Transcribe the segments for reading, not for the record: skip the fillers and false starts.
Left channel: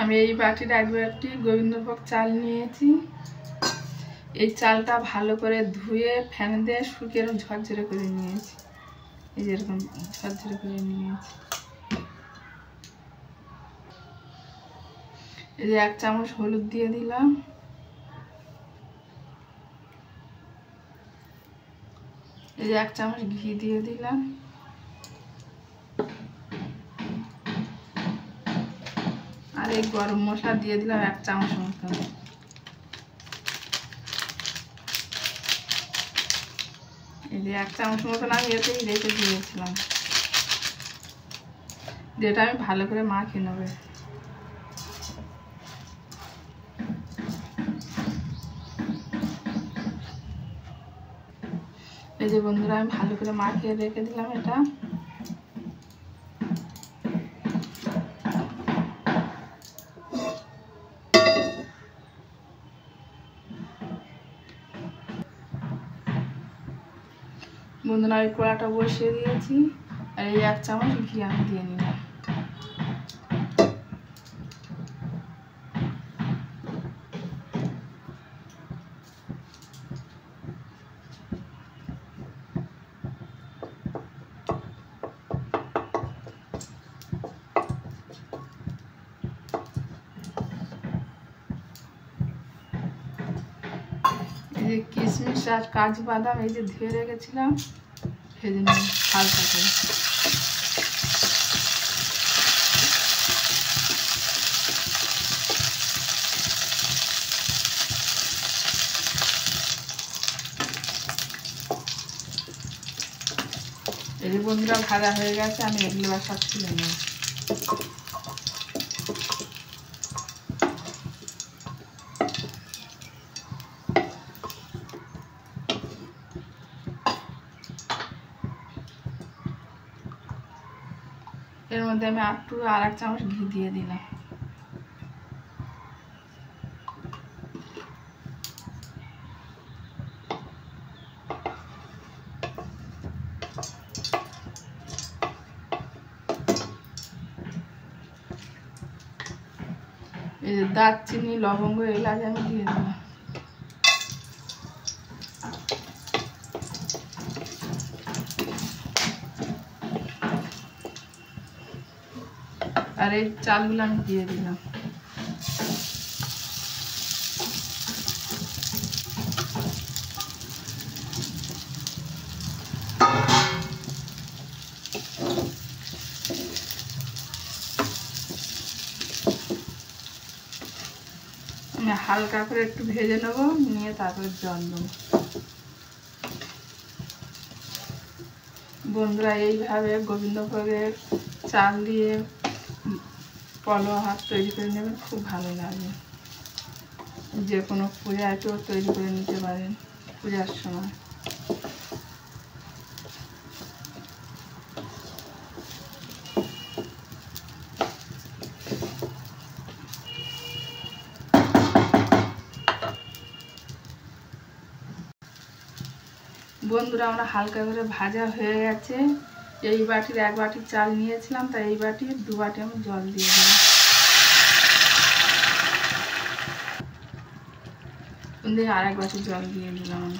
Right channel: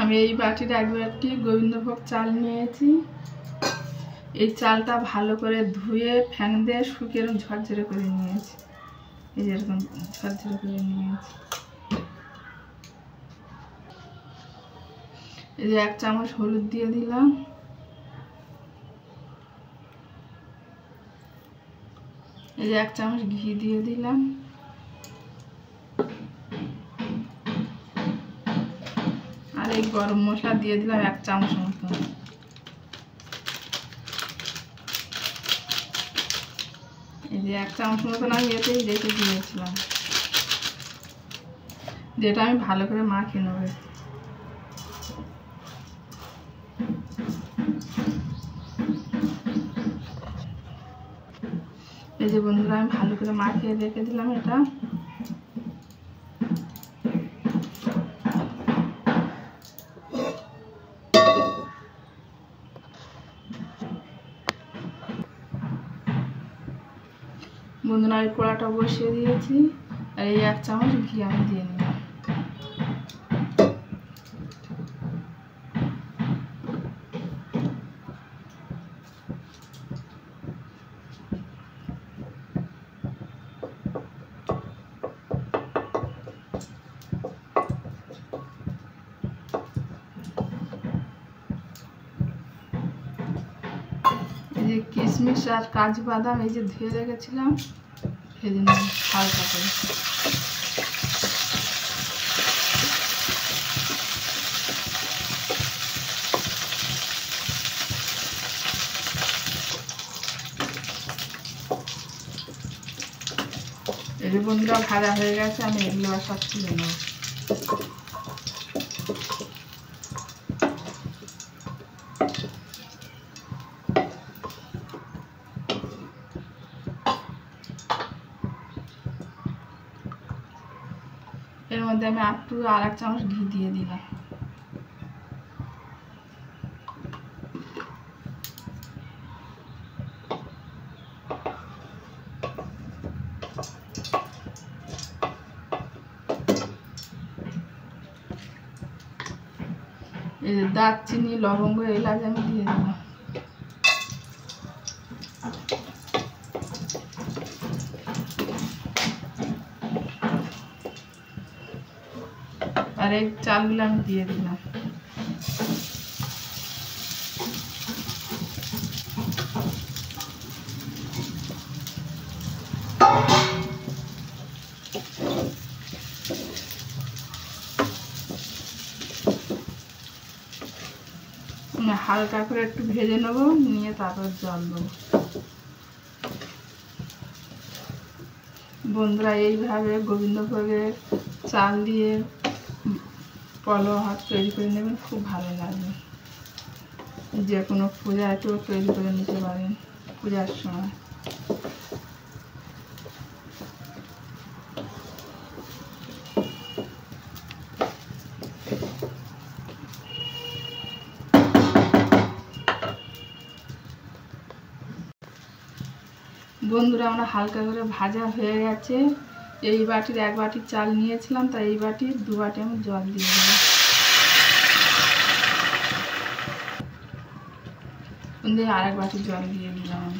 আমি এই বাটির এক বাটি গোবিন্দভোগ চাল নিয়েছি। এই চালটা ভালো করে ধুয়ে ফ্যান দিয়ে শুকিয়ে ঝরঝরে করে নিয়েছি। এই যেরকম ঝরঝরে করে নিয়েছি। এই যে 1 চামচ হলুদ দিয়ে দিলাম। এই যে 1 চামচ ঘি দিয়ে দিলাম। আর এই গরম মশলা দিয়ে দিলাম 1 চামচ মতন। এই যে 1 চামচ মতন আমি এতেই রেখে দিয়েছিলাম, যেটা আমি ভালো করে মাখিয়ে নেব। এই যে বন্ধুরা আমি ভালো করে মাখিয়ে রেখে দিলাম এটা। বন্ধুরা আমি কড়াটা বসিয়ে দিয়েছি আর এই 1 চামচ ঘি আমি দিয়ে নিলাম। এই যে কিশমিশ আর কাজু বাদাম এই যে ধুয়ে রেখেছিলাম, ভেজে নিলাম হালকা করে। এই যে বন্ধুরা ভাজা হয়ে গেছে, আমি এগুলো সব তুলে নেব। এর মধ্যে আমি আর 1 চামচ ঘি দিয়ে দিলাম। এই যে দারচিনি, লবঙ্গ, এলাচ আমি দিয়ে দিলাম। আর এই চালগুলো আমি দিয়ে দিলাম। হালকা করে একটু ভেজে নেবো, নিয়ে তারপর জল দেবো। বন্ধুরা এইভাবে গোবিন্দভোগের চাল দিয়ে পলোয়া ভাত তৈরি করে নেবেন, খুব ভালো লাগবে। যে কোনো পূজায় তো তৈরি করে নিতে পারেন পূজার সময়। বন্ধুরা আমরা হালকা করে ভাজা হয়ে গেছে। এই বাটির 1 বাটি চাল নিয়েছিলাম, তাই এই বাটির 2 বাটি আমি জল দিয়ে দিলাম। দিয়ে আর 1 বাটি জল দিয়ে দিলাম।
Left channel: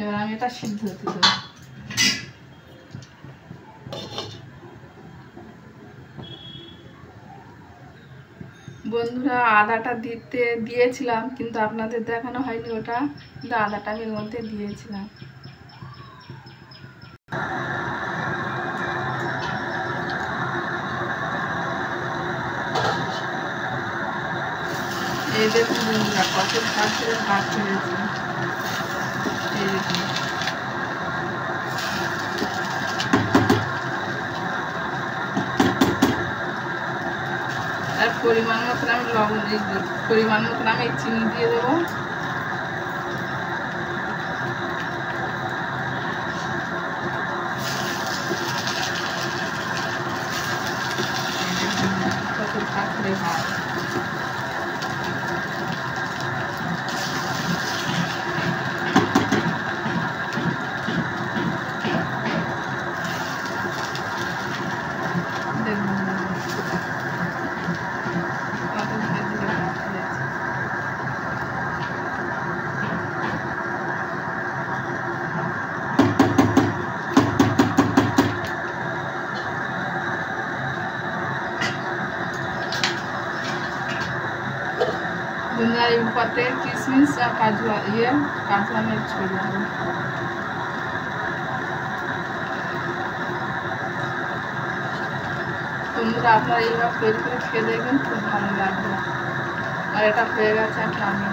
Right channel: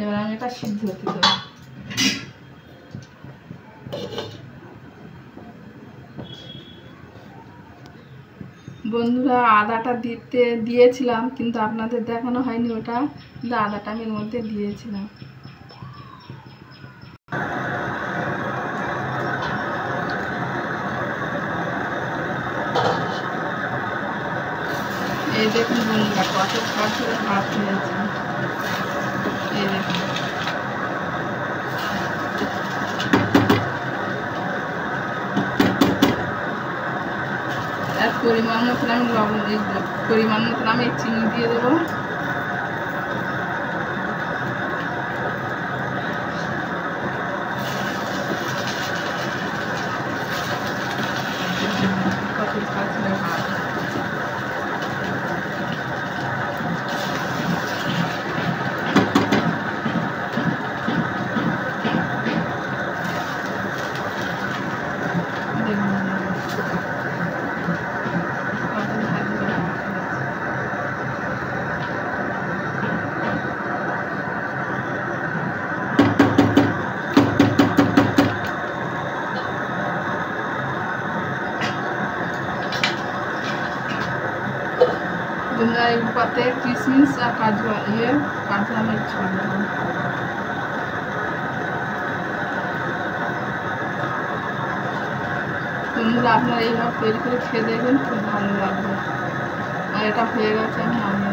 এবার আমি এটা সিদ্ধ হতে দেবো। বন্ধুরা আদাটা দিয়েছিলাম, কিন্তু আপনাদের দেখানো হয়নি ওটা, কিন্তু আদাটা আমি এর মধ্যে দিয়েছিলাম। এই দেখুন বন্ধুরা কত ঝরঝরে ভাত হয়েছে। এই দেখুন আর পরিমাণ মতন আমি লবণ দিয়ে দিই, পরিমাণ মতন আমি চিনি দিয়ে দেবো। কত ঝরঝরে ভাত। এই উপর থেকে কিশমিশ আর কাজু কাজু আমি ছড়িয়ে দেবো। বন্ধুরা আপনারা এইভাবে তৈরি করে খেয়ে দেখবেন, খুব ভালো লাগবে। আর এটা হয়ে গেছে, আমি নামিয়ে